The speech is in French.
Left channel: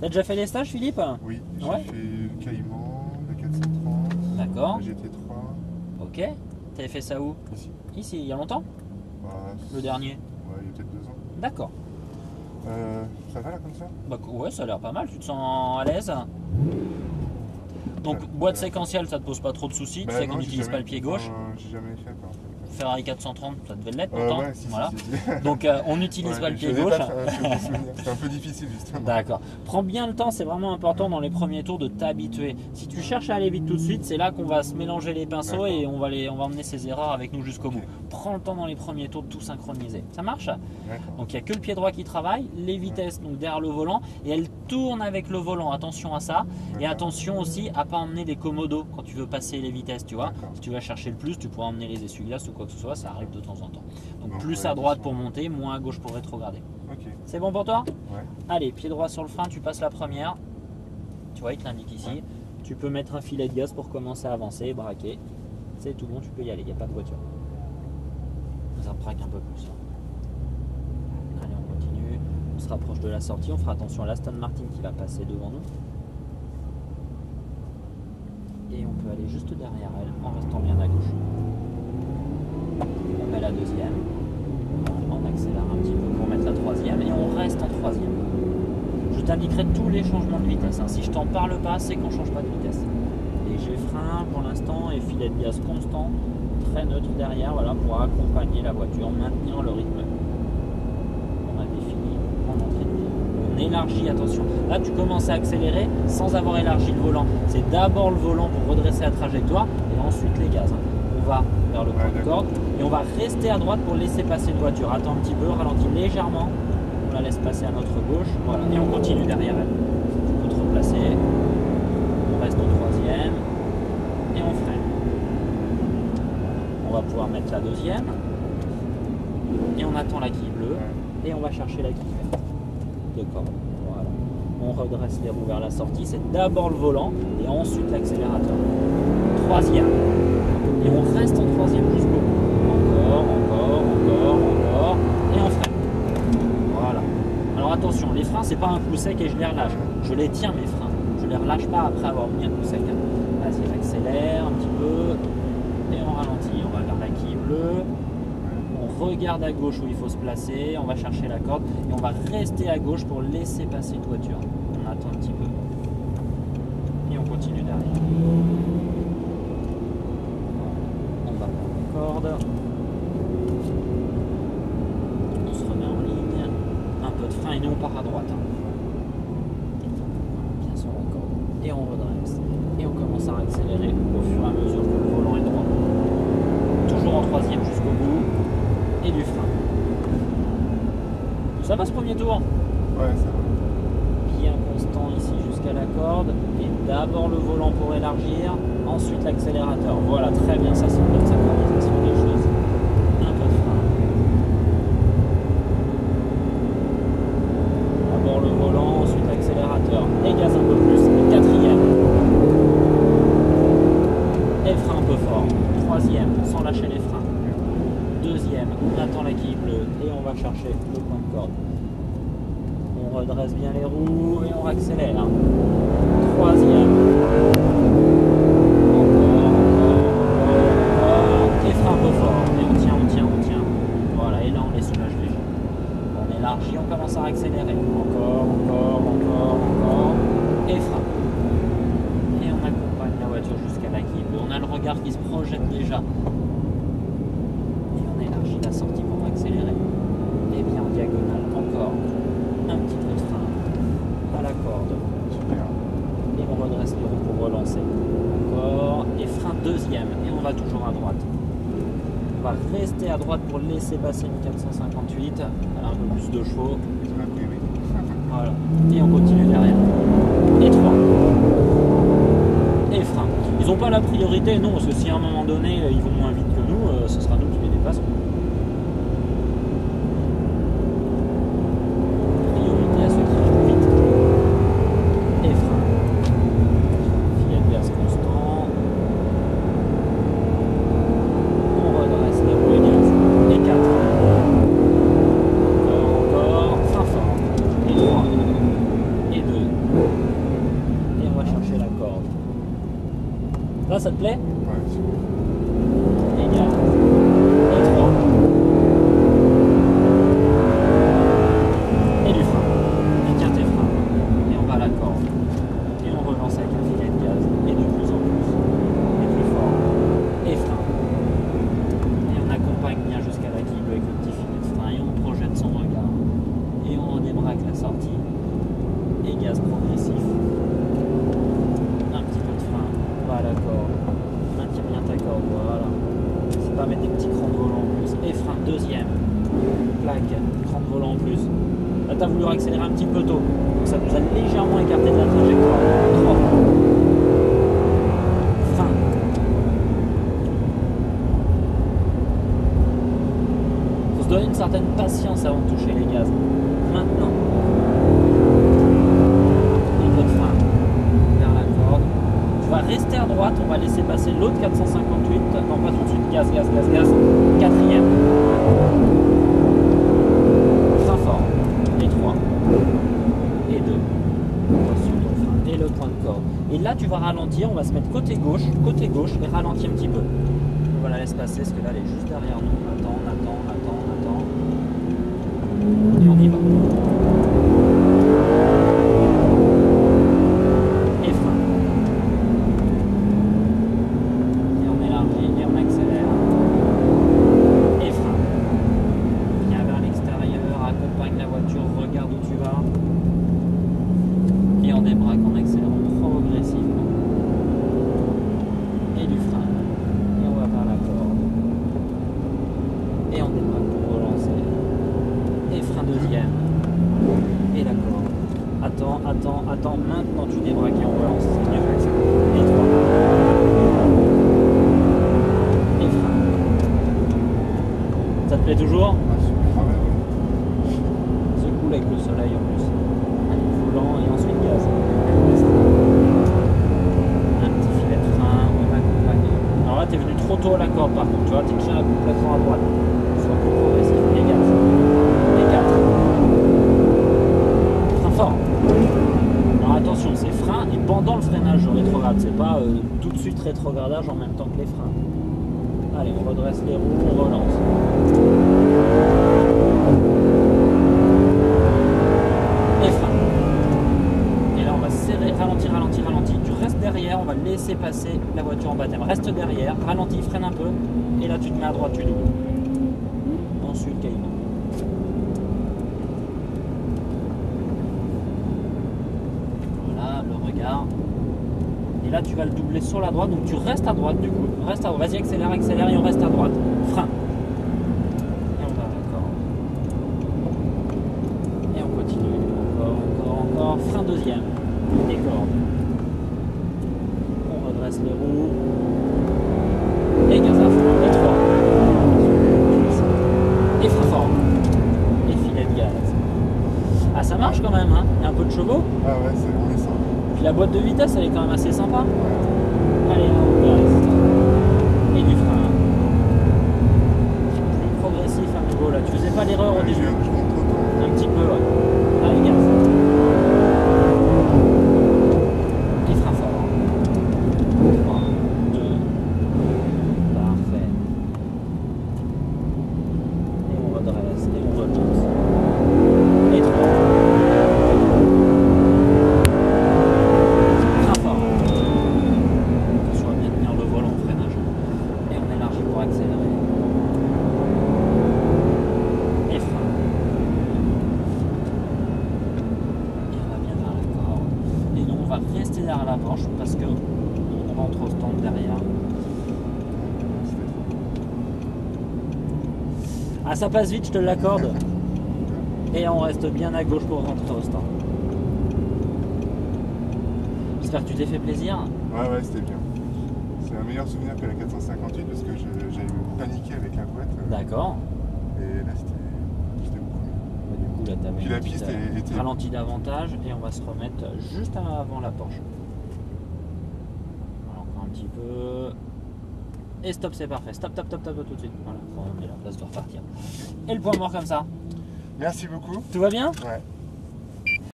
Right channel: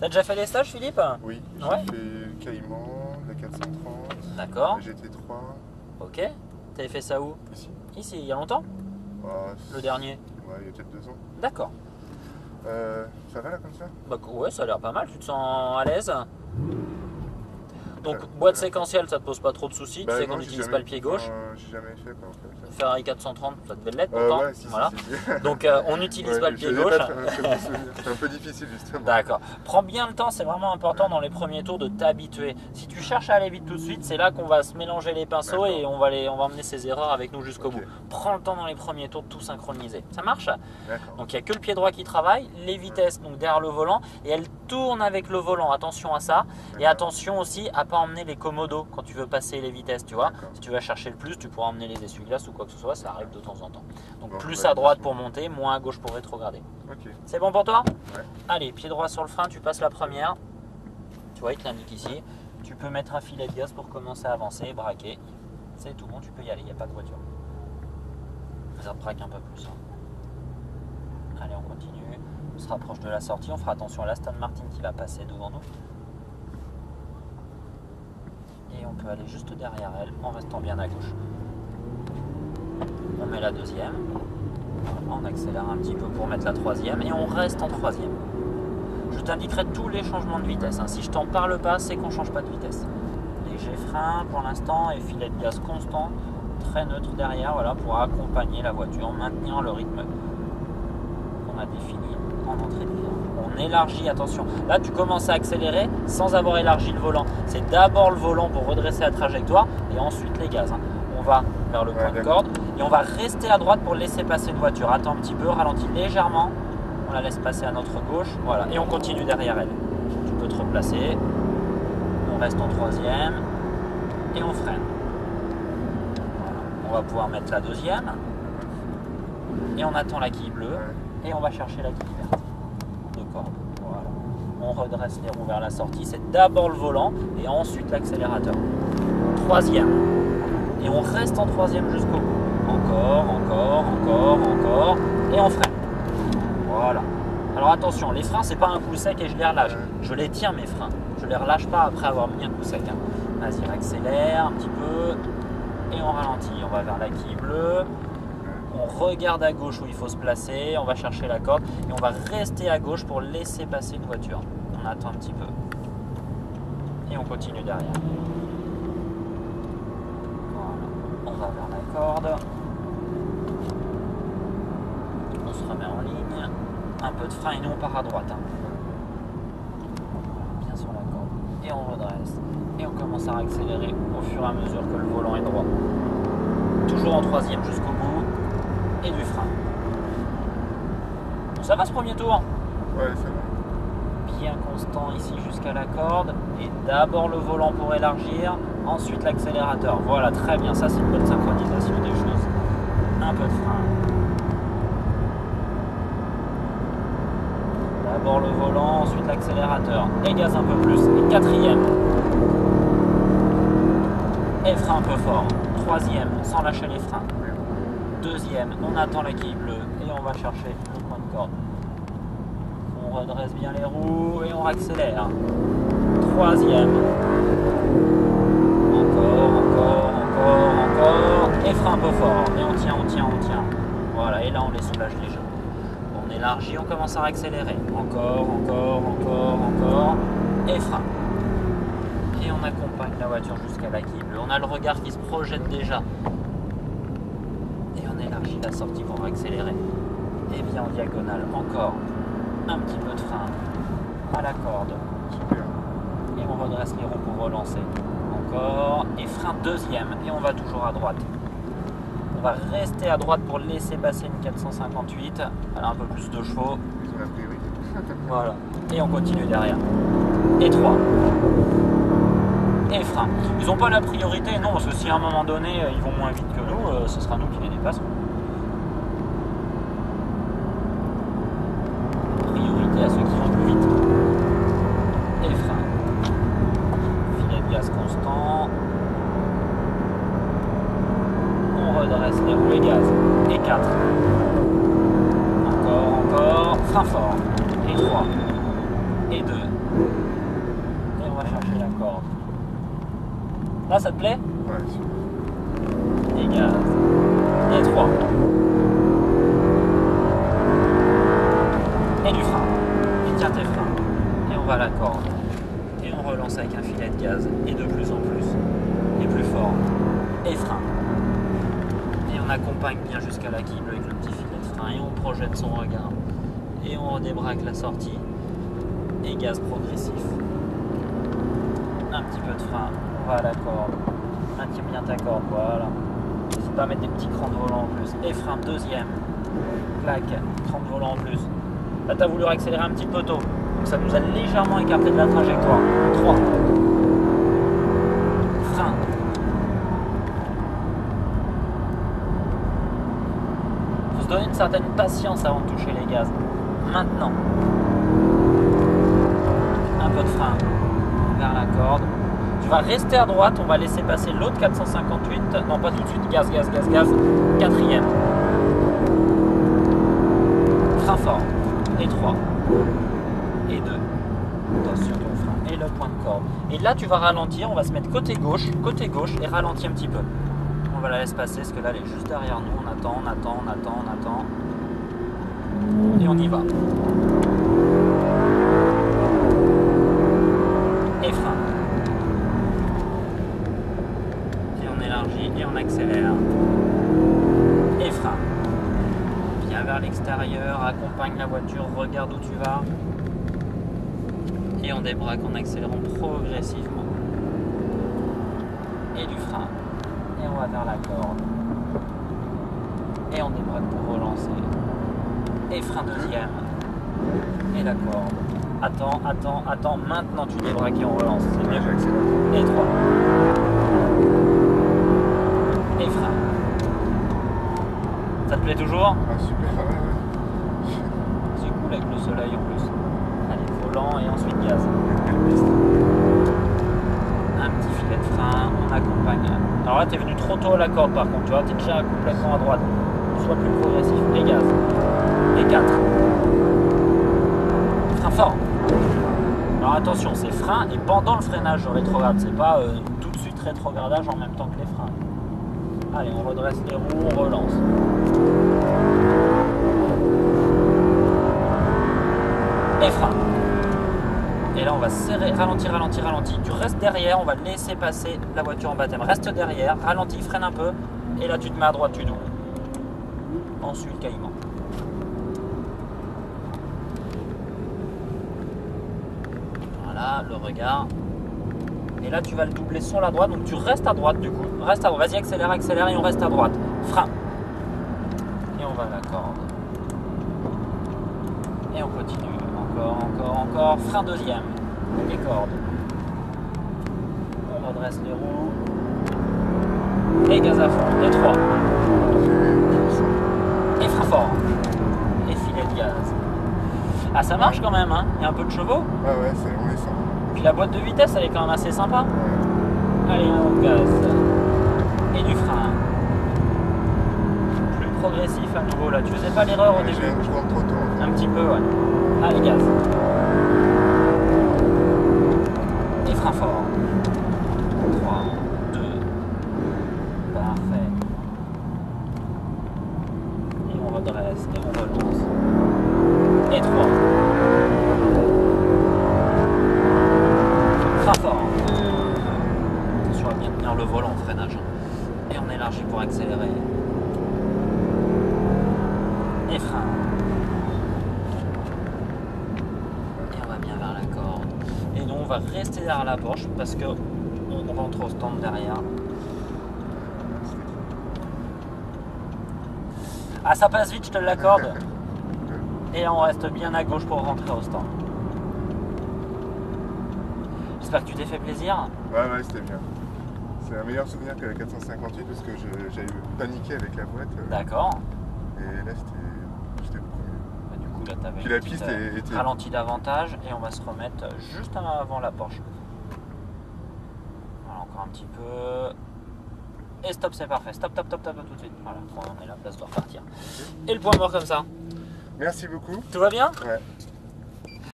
T'as déjà fait des stages, Philippe? Oui, Ouais. j'ai fait Caïman, la 430, D'accord. la GT3, Ok. T'avais fait ça où? ici. Ici, il y a longtemps? Bah, Le dernier? Ouais, il y a peut-être 2 ans. D'accord. Ça va là comme ça? Bah ouais, ça a l'air pas mal. Tu te sens à l'aise? Donc, Ça- boîte ça a l'air pas- séquentielle, ça te pose pas trop de soucis. Tu sais qu'on non, n'utilise pas le pied gauche. J'ai jamais fait quoi en fait. Ferrari 430, ça devait l'être pourtant. Ouais, si, Voilà. si. Donc, on n'utilise Ouais, pas le pied je faisais gauche. pas de souvenir. C'était un peu difficile justement. D'accord. Prends bien le temps, c'est vraiment important dans les premiers tours de t'habituer. Si tu cherches à aller vite tout de suite, c'est là qu'on va se mélanger les pinceaux et on va emmener ces erreurs avec nous jusqu'au bout. Prends le temps dans les premiers tours de tout synchroniser. Ça marche? D'accord. Donc il n'y a que le pied droit qui travaille, les vitesses donc derrière le volant et elle tourne avec le volant. Attention à ça. Et attention aussi à ne pas emmener les commodos quand tu veux passer les vitesses, tu vois. Si tu vas chercher le plus, tu pourras emmener les essuie-glaces ou quoi que ce soit, ça arrive de temps en temps. Donc plus à droite pour monter, moins à gauche pour rétrograder. Ok. C'est bon pour toi? Ouais. Allez, pied droit sur le frein, tu passes la première. Tu vois, il te l'indique ici. Tu peux mettre un filet de gaz pour commencer à avancer, braquer. C'est tout bon, tu peux y aller, il n'y a pas de voiture. Ça braque un peu plus. Allez, on continue. On se rapproche de la sortie. On fera attention à l'Aston Martin qui va passer devant nous. Et on peut aller juste derrière elle en restant bien à gauche. On met la deuxième. On accélère un petit peu pour mettre la troisième. Et on reste en troisième. Je t'indiquerai tous les changements de vitesse. Si je t'en parle pas, c'est qu'on ne change pas de vitesse. Léger frein pour l'instant et filet de gaz constant. Très neutre derrière, voilà, pour accompagner la voiture, maintenir le rythme qu'on a défini en entrée de virage. On élargit, attention. Là, tu commences à accélérer sans avoir élargi le volant. C'est d'abord le volant pour redresser la trajectoire et ensuite les gaz. On va vers le point de corde et on va rester à droite pour laisser passer une voiture. Attends un petit peu, ralentis légèrement. On la laisse passer à notre gauche. Voilà, et on continue derrière elle. Tu peux te replacer. On reste en troisième et on freine. On va pouvoir mettre la deuxième et on attend la quille bleue et on va chercher la quille verte de corde. Voilà. On redresse les roues vers la sortie. C'est d'abord le volant et ensuite l'accélérateur. Troisième. Et on reste en troisième jusqu'au bout. Encore. Et on freine. Voilà. Alors attention, les freins, c'est pas un coup sec et je les relâche. Je les tiens mes freins. Je les relâche pas après avoir mis un coup sec. Vas-y, accélère un petit peu. Et on ralentit, on va vers la quille bleue, on regarde à gauche où il faut se placer, on va chercher la corde et on va rester à gauche pour laisser passer une voiture. On attend un petit peu et on continue derrière. On va vers la corde, on se remet en ligne, un peu de frein et nous on part à droite. Bien sur la corde et on redresse. Et on commence à accélérer au fur et à mesure que le volant est droit. Toujours en troisième jusqu'au bout. Et du frein. Ça va ce premier tour? Ouais, ça va. Bien constant ici jusqu'à la corde. Et d'abord le volant pour élargir. Ensuite l'accélérateur. Voilà, très bien. Ça, c'est une bonne synchronisation des choses. Un peu de frein. D'abord le volant, ensuite l'accélérateur. Et gaz un peu plus. Et quatrième. Et le frein un peu fort. Troisième, sans lâcher les freins. Deuxième, on attend la quille bleue et on va chercher le point de corde. On redresse bien les roues et on accélère. Troisième. Encore. Et frein un peu fort. Et on tient. Voilà, et là on les soulage déjà. On élargit, on commence à accélérer. Encore. Et frein. Et on accompagne la voiture jusqu'à la quille bleue. On a le regard qui se projette déjà. Et on élargit la sortie pour accélérer. Et bien en diagonale. Encore un petit peu de frein à la corde. Et on redresse les roues pour relancer. Encore. Et frein deuxième. Et on va toujours à droite. On va rester à droite pour laisser passer une 458. Elle a un peu plus de chevaux. C'est la priorité. Voilà. Et on continue derrière. Et 3. Et frein. Ils n'ont pas la priorité, non, parce que si à un moment donné ils vont moins vite que nous, ce sera nous qui les dépasserons. Priorité à ceux qui vont plus vite. Et frein. Filet de gaz constant. On redresse les roues et gaz. Et 4. Encore. Frein fort. Et 3. Et 2. Là, ça te plaît? Ouais, super. Et gaz. Et 3. Et du frein. Et tiens tes freins. Et on va à la corde. Et on relance avec un filet de gaz. Et de plus en plus. Et plus fort. Et frein. Et on accompagne bien jusqu'à la quille bleue avec le petit filet de frein. Et on projette son regard. Et on redébraque la sortie. Et gaz progressif. Un petit peu de frein. On va à la corde. Maintiens bien ta corde. Voilà. Faut pas mettre des petits crans de volant en plus. Et frein deuxième. Plaque. Cran de volant en plus. Là, tu as voulu accélérer un petit peu tôt. Donc ça nous a légèrement écarté de la trajectoire. 3. Frein. Faut se donner une certaine patience avant de toucher les gaz. Maintenant. Un peu de frein. Vers la corde. Tu vas rester à droite. On va laisser passer l'autre 458. Non, pas tout de suite. Gaz, gaz, gaz, gaz. Quatrième. Frein fort. Et 3. Et 2. Sur ton frein. Et le point de corde. Et là, tu vas ralentir. On va se mettre côté gauche et ralentir un petit peu. On va la laisser passer parce que là, elle est juste derrière nous. On attend, on attend, on attend, on attend. Et on y va. Et frein. Et on élargit et on accélère. Et frein. Viens vers l'extérieur, accompagne la voiture, regarde où tu vas. Et on débraque en accélérant progressivement. Et du frein. Et on va vers la corde. Et on débraque pour relancer. Et frein deuxième. Et la corde. Attends, attends, attends. Maintenant tu débraques et on relance. C'est bien. Et 3. Et frein. Ça te plaît toujours? Ah, super, ouais. C'est cool avec le soleil en plus. Allez, volant et ensuite gaz. Un petit filet de frein, on accompagne. Alors là, t'es venu trop tôt à la corde par contre. Tu vois, t'es déjà complètement à droite. Sois plus progressif. Et gaz. Et 4. Frein fort. Alors attention, c'est frein et pendant le freinage sur rétrograde. C'est pas tout de suite rétrogradage en même temps que les freins. Allez, on redresse les roues, on relance. Et frein. Et là, on va serrer, ralentir, ralentir, ralentir. Tu restes derrière, on va laisser passer la voiture en baptême. Reste derrière, ralentis, freine un peu. Et là, tu te mets à droite, tu doubles. Ensuite, caïman. Voilà, le regard. Et là, tu vas le doubler sur la droite. Donc, tu restes à droite du coup. Reste à droite. Vas-y, accélère, accélère et on reste à droite. Frein. Et on va à la corde. Et on continue. Encore, encore, encore. Frein deuxième. Et cordes. On redresse les roues. Et gaz à fond. Et 3. Et frein fort. Et filet de gaz. Ah, ça marche quand même, hein. Il y a un peu de chevaux. Ah ouais, on les sent. Puis la boîte de vitesse, elle est quand même assez sympa. Allez, un gaz. Et du frein. Plus progressif à nouveau là. Tu faisais pas l'erreur au début. Je rentre trop tôt. Un petit peu, ouais. Allez, gaz. Et frein fort. 3, 2. Parfait. Et on redresse. Et on relance. Et 3. Attention à bien tenir le volant au freinage. Et on élargit pour accélérer. Et frein. Et on va bien vers la corde. Et nous on va rester derrière la Porsche parce que on rentre au stand derrière. Ah, ça passe vite, je te l'accorde. Et on reste bien à gauche pour rentrer au stand. J'espère que tu t'es fait plaisir. Ouais, c'était bien. C'est un meilleur souvenir que la 458 parce que j'avais paniqué avec la boîte. D'accord. Et là, j'étais beaucoup mieux. Bah, du coup, là, tu avais Puis une la petite, piste était... ralenti davantage et on va se remettre juste avant la Porsche. Voilà, encore un petit peu. Et stop, c'est parfait. Stop, top, top, top, tout de suite. Voilà, on met la place de repartir. Et le point mort comme ça. Merci beaucoup. Tout va bien? Ouais.